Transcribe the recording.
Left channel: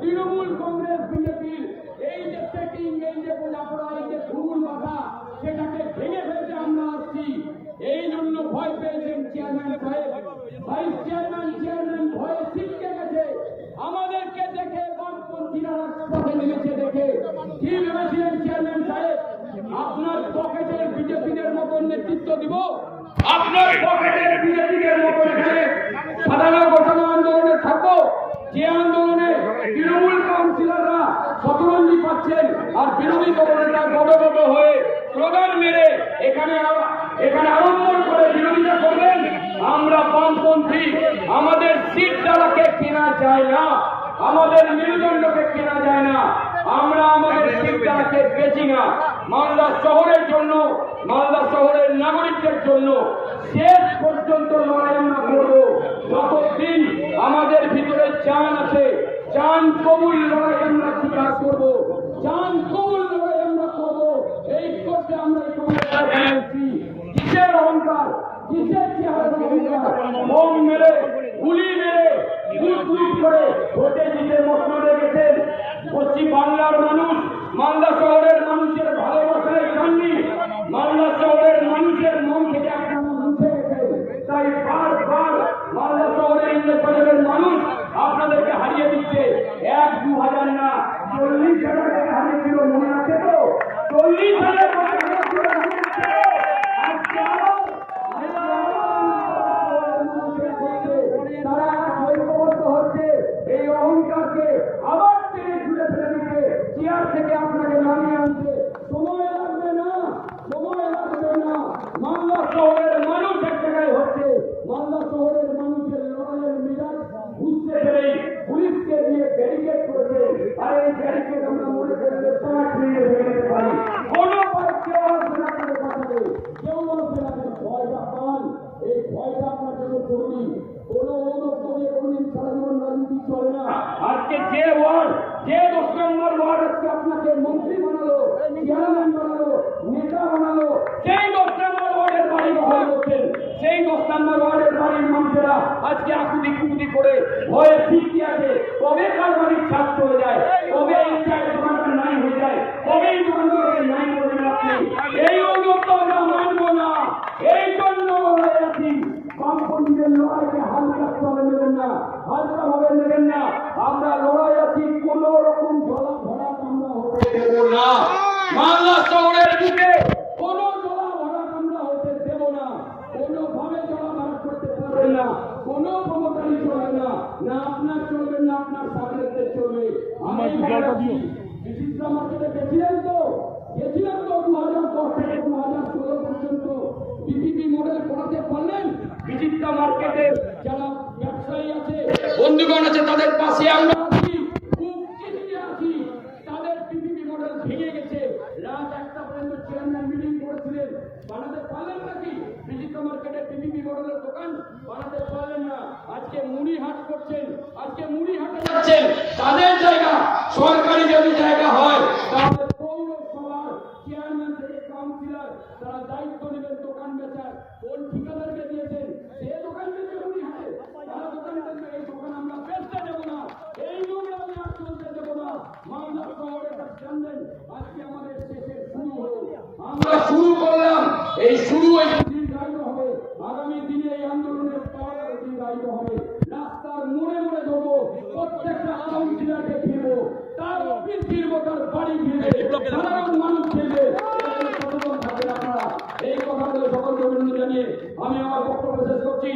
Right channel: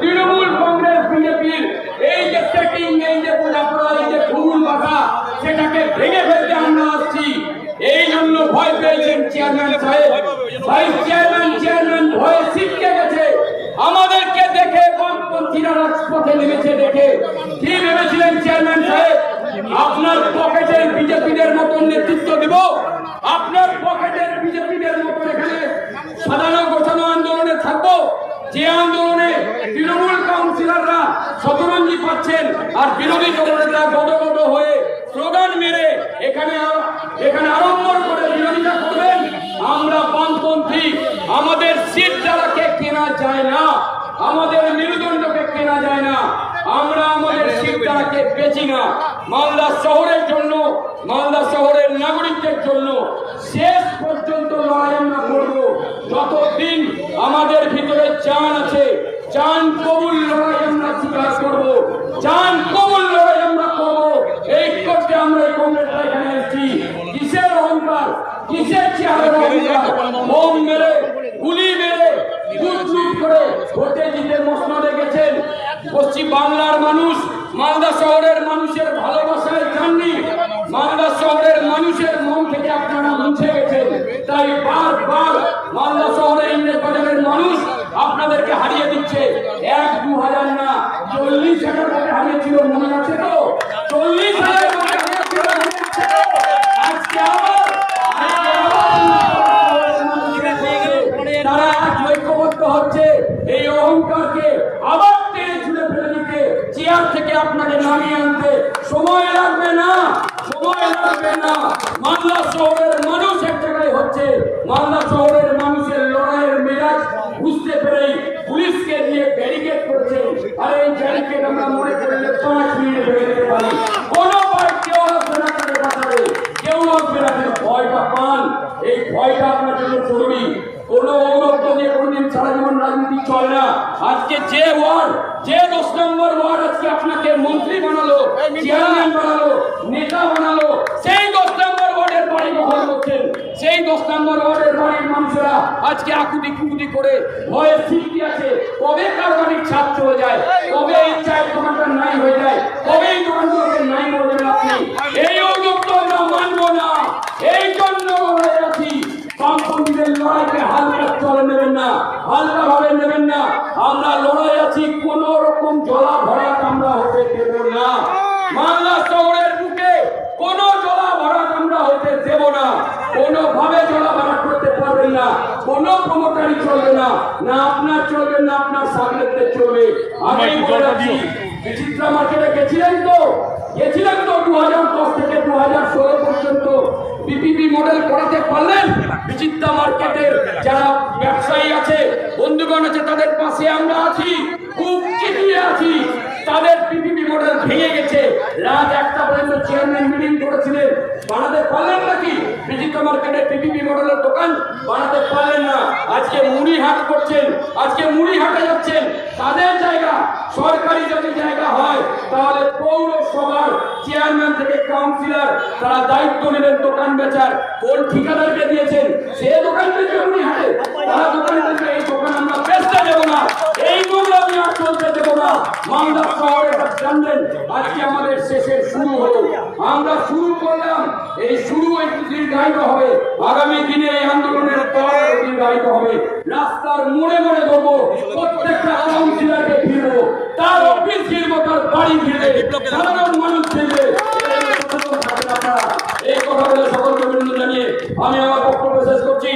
তৃণমূল কংগ্রেস, বিজেপির এই যে সেটিং এই যে বোঝাপড়া, এই যে ভুল বাধা সেটাকে ভেঙে ফেলতে আমরা আসছি। এই জন্য ভয় পেয়েছেন চেয়ারম্যান সাহেব। ভাইস চেয়ারম্যান চেয়ারম্যান ভয়ে শিখতে গেছে। আমাদেরকে দেখে বামপন্থীরা রাজপথে নেমেছে দেখে। কি ভেবেছিলেন চেয়ারম্যান সাহেব? আপনার পকেটের বিজেপিদের মতন নেতৃত্ব দিব? আপনার পকেটের বিজেপিদের মতন এখানে সাধারণ ঘোষণা আন্দোলনে থাকব যে আন্দোলনে তৃণমূল কাউন্সিলররা শতরঞ্জি পাচ্ছেন আর বিরোধী দলনেতা গদগদ হয়ে স্লোগান মেরে এখানে এখানে আড়ম্বর করে বিরোধিতা করবেন। আমরা বামপন্থী, আমাদের সিট দ্বারাকে কেনা যায় না, আমাদের মেরুদণ্ডকে কেনা যায় না, আমরা আমাদের সিট দ্বারাকে বেচি না। মালদা শহরের জন্য, মালদা শহরের নাগরিকদের জন্য শেষ পর্যন্ত লড়াই আমরা করব। যতদিন আমাদের ভিতরে চান আছে, চান কবুল লড়াই আমরা স্বীকার করব চান কবুল লড়াই আমরা করব এই করতে আমরা এই কংগ্রেসটা এখানে এসেছি কিসের অহংকার কিসের চেহারার অহংকার বোম মেরে গুলি মেরে লুট লুট করে ভোটে জিতে মসনদে গেছেন। পশ্চিম বাংলার মানুষ মালদা শহরের মানুষের ভালোবাসায় চাননি। মালদা শহরের মানুষের মন থেকে আপনারা মুছে গেছেন। তাই বারবার মালদা শহরের ইন্দ্রের মানুষ আপনাদেরকে হারিয়ে দিচ্ছে। এক দু হাজার না চল্লিশ হাজার টাকা হারিয়েছিল মনে আছে তো? চল্লিশ হাজার টাকা হারিয়েছিল মনে আছে তো? আজকে আবার আজকে আবার তারা আজ হচ্ছে এই অহংকারকে আবার টেনে ছুড়ে ফেলে দিতে, চেয়ার থেকে আপনাকে নামিয়ে আনতে। সময় লাগবে না, সময় লাগবে না। মালদা শহরের মানুষ এক জায়গায় হচ্ছে। মালদা শহরের মানুষের লড়াইয়ের মেজাজ বুঝতে পেরেই পুলিশকে দিয়ে ব্যারিকেড করেছে। আর এই ব্যারিকেড আমরা মনে করলে পাঁচ মিনিটে ভেঙে দিতে পারি। কোনো কেউ আসবে না তাকে কেউ আসবে না ভয়টা পান। এই ভয়টা আপনার জন্য জরুরি। কোন দিয়ে কোনদিন সারা জীবন রাজনীতি চলে না। আজকে যে ওয়ার্ড যে দশ নম্বর ওয়ার্ড আজকে আপনাকে মন্ত্রী বানালো, চেয়ারম্যান বানালো, নেতা বানালো, সেই দশ নম্বর ওয়ার্ডের বাড়ি দখল করছেন। সেই দশ নম্বর ওয়ার্ডের বাড়ির মানুষেরা আজকে আকুতি কুকুতি করে ভয়ের সৃষ্টি আছে। কবে কার বাড়ির ছাদ চলে যায়? কবে এই চায়ের দোকানটা নাই হয়ে যায়? কবে এই দোকানগুলোকে নাই করে আপনি? এই অযোগ্য আমরা মানবো না। এই জন্য লড়াই আছি। বামপন্থীদের চলে হালকা ভাবে নেবেন না। আমরা লড়াই আছি কোন রকম জলা ভরাট আমরা হতে দেব না। মালদা শহরের বুকে কোন জলা ভরাট আমরা হতে দেব না। কোন ভাবে জলা ভরাট করতে পারবেন না। কোন প্রমোটারি চলবে না। না আপনার চলবে না আপনার সামনেতে চলবে। আমি বলে। বিচিত্রা মার্কেটে গেছিলেন তো? গেছিলেন তো দু হাজার দশ থেকে দু হাজার ষোলো পর্যন্ত। বিপিপি মডেল করাতে পারলেন বিচিত্রা মার্কেটের যারা বন্ধুগণ আছে, তাদের পাশে আমরা আছি, খুব চিঠিয়ে আছি। তাদের পিপিপি মডেল ভেঙে গেছে। রাত একটা পর্যন্ত চেয়ারম্যান মিটিং করেছিলেন। বানাতে পারলেন নাকি? বিচিত্রা মার্কেটের পিপিপি মডেলের দোকান বানাতে পারলেন না। আজকে মুড়ি হাট করছেন, আজকে মুড়ি হাটে যাচ্ছেন। তাদের জায়গা, সরকারি যদি জায়গা হয়, তাহলে পৌরসভার চেয়ারম্যান থেকে কাউন্সিলর, তারা দায়িত্ব নেবেন দোকান বেচার। কোন ঠিকাদারকে দিয়েছেন? সে দোকান বেচে উনি হাটে তারা দোকান এই দোকান আমরা বেচতে দেব না এই নোংরামি আর চলতে দেব না মালদা শহরে এটা জানবেন আজকে আমাদের শেষের শুরু হলো। আমরা শুরু করলাম। এই শুরু একটু দীর্ঘায়িত হবে। আগামী দিনে এই আন্দোলনের পর দীর্ঘায়িত হবে। রাস্তার মোড়ে মোড়ে দেবো প্রত্যেকটা কাউন্সিলরকে ফিরবো তার অফিস ফিরবো তার বাড়ি ফিরবে সাধারণ মানুষ ফিরবে এই। এই কথা বলে সকলকে অভিনন্দন জানিয়ে আমি আমার বক্তব্য শেষ করছি।